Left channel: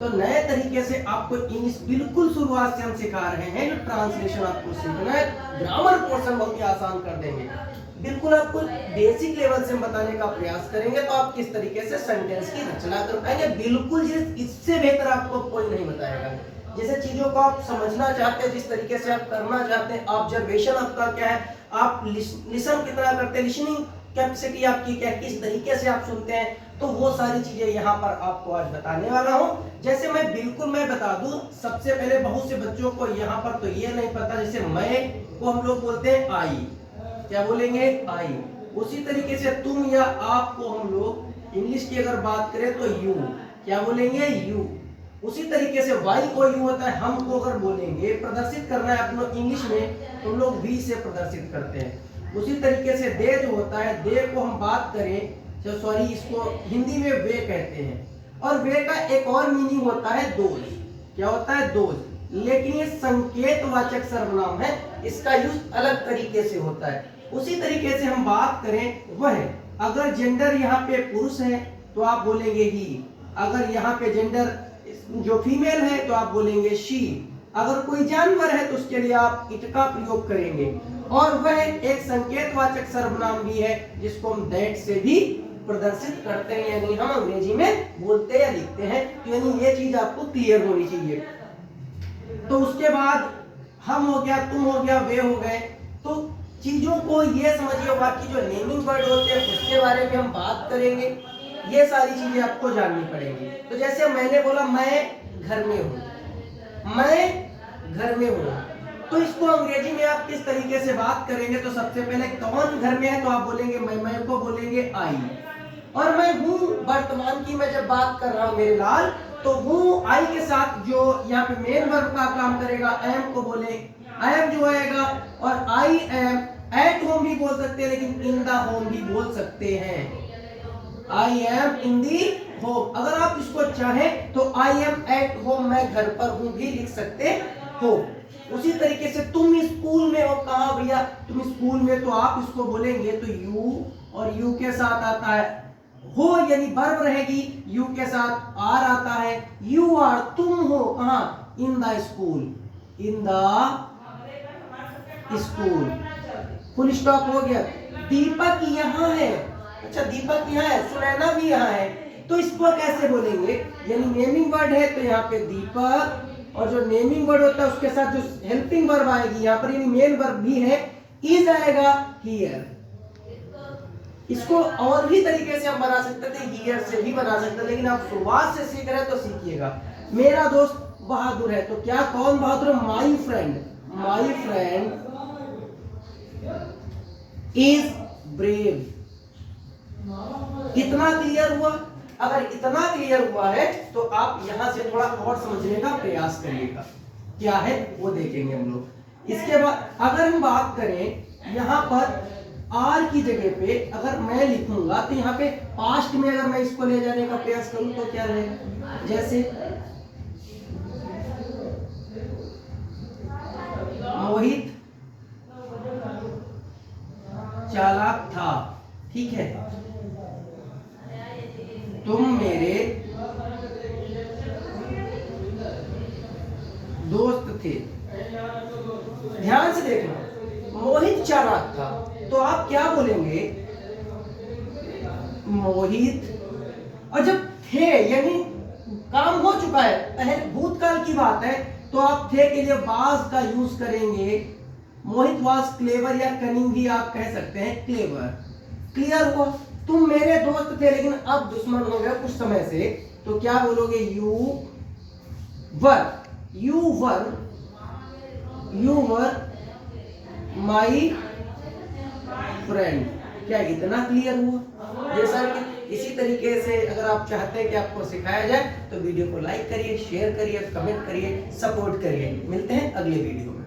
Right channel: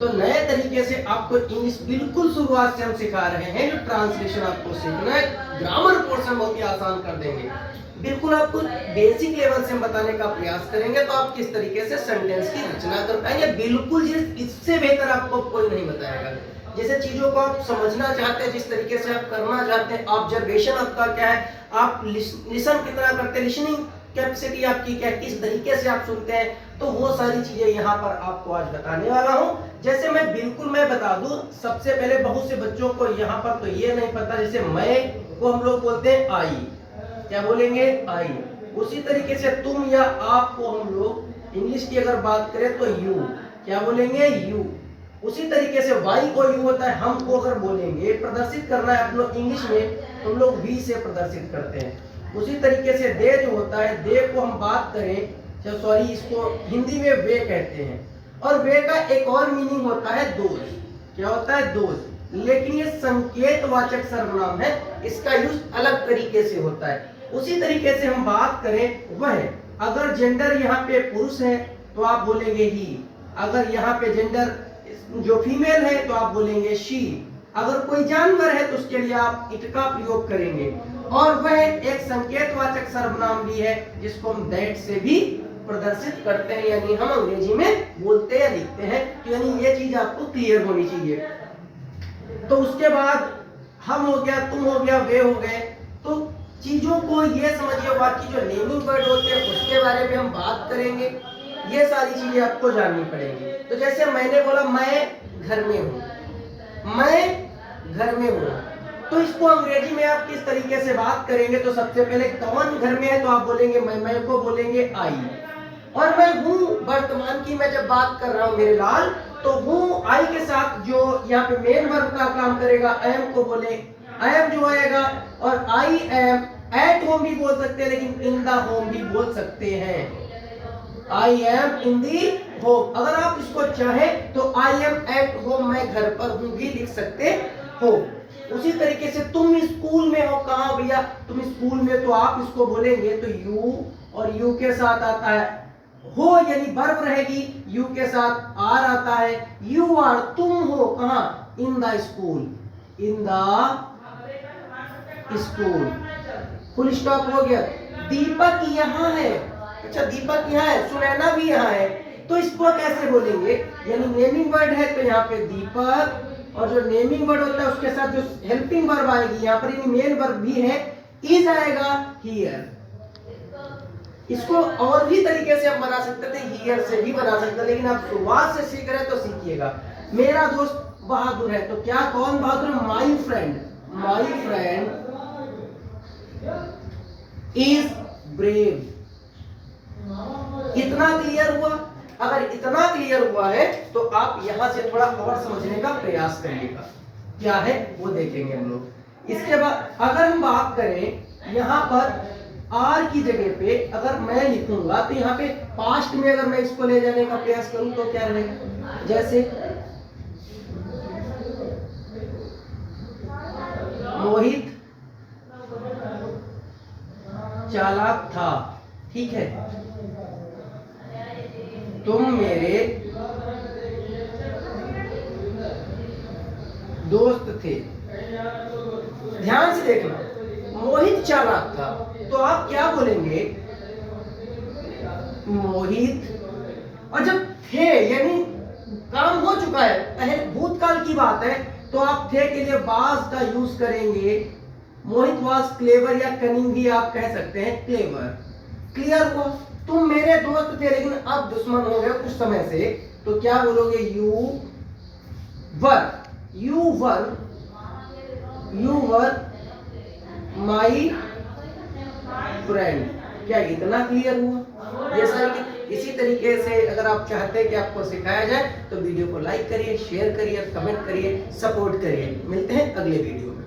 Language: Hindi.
तो नए तरीके से आपको इंग्लिश बिल्कुल शुरुआत से हम सिखा रहे हैं। जो ट्रांसलेशन आपको सीखना है, ग्रामर पोर्शन बहुत ही आसान कर देंगे। बिल्कुल आपको बेसिक लेवल से हम बताने का प्रयास करेंगे, तो आप किस तरीके से सेंटेंस की रचना कर पाएंगे। बिल्कुल इससे बेहतर आपको कोई नहीं बताएगा। जैसे चीजों को आप समझना चाहते हैं, जिस तरीके से आप करना चाहते हैं, ऑब्जर्वेशन आपका क्या है, आप लिसन कितना करते हैं, लिसनिंग कैपेसिटी आपकी क्या, किस तरीके से आप सुनते हैं, तो वो सारी चीजें यहाँ पर आपको आज बताने वाला हूँ। जैसे मैं बता दूं, सबसे पहले बहुत से बच्चों को यहाँ पर तो ये नहीं पता, जैसे मैं को हम लोग बोलते हैं आई, क्या बोलेंगे, आई। उसी तरीके से तुम या आप को हम लोग इंग्लिश की अगर बात करें तो यू, क्या बोलेंगे, यू। उसी तरीके से वाई को यू होता है। हम को अगर बोलेंगे प्रदर्शित करना है अपने इंग्लिश में, तो हम लोग वी से प्रदर्शित करते हैं। उसी तरीके से दे जो होता है, दे को हम बात करें, सॉरी, इसको हिंदी में वे कहते हैं। और वे का एक और मीनिंग होता है दोज, क्या होता है, दोज। लेकिन ये संकेतवाचक सर्वनाम है, इसका यूज अलग तरीके से होता है। उसी तरीके से हम बात करें वह, अगर जेंडर यहाँ पे पुरुष है तो आप बोलेंगे ही, अगर यहाँ पे जेंडर जो फीमेल है तो आप बोलेंगे शी, अगर कोई जानवर है तो उसके लिए आप इट का प्रयोग करेंगे। और वह एक संकेतवाचक सर्वनाम भी है, जिसको हम दैट से भी प्रदर्शित करते हैं, यानी हम अंग्रेजी में बोलते या लिखते हैं। तो यानी ये चीज आपको क्लियर होनी चाहिए। तो उसके बाद हम हो गया, तुम हो गया, वे हो गए। तो चीजों को ये समझिए, बाकी जो नेमिंग वर्ड होते हैं उसके बारे में हम बात करेंगे। ये सारी चीजें आपको जाननी पड़ेंगी। तो जैसे मैंने बोला मैं घर में हूँ, मैं घर में हूँ, तो इसको अंग्रेजी में आप किस तरीके से बात करेंगे। तो सबसे पहले कौन घर में है, तो आप बोलेंगे मैं को बोलेंगे आई। और मैं हूँ वर्तमान की मैं जब बात कर रहा हूँ मेरे लाल, तो हूँ आई के साथ जो यहाँ पे मेन वर्ब का काम करेगा, एम को बोले एम जो आएगा। और आई एम एट होम भी बोल सकते हैं, लेकिन इन द होम भी बोल सकते हैं। I am in the home, अगर आप इसको चाहें तो आई एम एट होम, मैं घर पर हूँ भी लिख सकते हो। उसी तरीके से तुम स्कूल में हो, कहाँ भैया, तुम स्कूल में, तो आप इसको बोलेंगे तो यू, और यू के साथ आता है हो, यानी वर्ब रहेगी, यू के साथ आर आता है। यू आर, तुम हो कहाँ, in the school, in the school, full stop हो गया। दीपक यहाँ है, अच्छा दीपक यहाँ है, सुनैना भी यहाँ है, तो इसको कैसे बोलेंगे, यानी नेमिंग वर्ड है तो यहाँ पे दीपक, और जो नेमिंग वर्ड होता है उसके साथ जो हेल्पिंग वर्ब आएगी यहाँ पर, यानी मेन वर्ब भी है, इज आएगा हियर। इसको और भी तरीके से हम बना सकते थे, हियर से भी बना सकते, लेकिन आप शुरुआत से सीख रहे हैं तो सीखिएगा। मेरा दोस्त बहादुर है, तो क्या, कौन बहादुर है, my friend, my friend is brave. इतना क्लियर हुआ। अगर इतना क्लियर हुआ है तो आप यहां से थोड़ा और समझने का प्रयास करिएगा, क्या है वो देखेंगे हम लोग। इसके बाद अगर हम बात करें यहां पर आर की जगह पे अगर मैं लिखूंगा, तो यहाँ पे पास्ट में अगर मैं इसको ले जाने का प्रयास करूं तो क्या रहेगा, जैसे मोहित चालाक था, ठीक है, तुम मेरे दोस्त थे। ध्यान से देखना, मोहित चालाक था, तो आप क्या बोलेंगे, मोहित, और जब थे यानी काम हो चुका है, पहले भूतकाल की बात है, तो आप थे के लिए वाज का यूज करेंगे। मोहित वाज क्लेवर, या कनिंग भी आप कह सकते हैं, क्लेवर। क्लियर हुआ, तुम मेरे दोस्त थे लेकिन अब दुश्मन हो गए कुछ समय से, तो क्या बोलोगे, you were, you were, you were my friend. क्या इतना क्लियर हुआ। जैसा कि इसी तरीके से अगर आप चाहते हैं कि आपको सिखाया जाए, तो वीडियो को लाइक करिए, शेयर करिए, कमेंट करिए, सपोर्ट करिए। मिलते हैं अगले वीडियो में।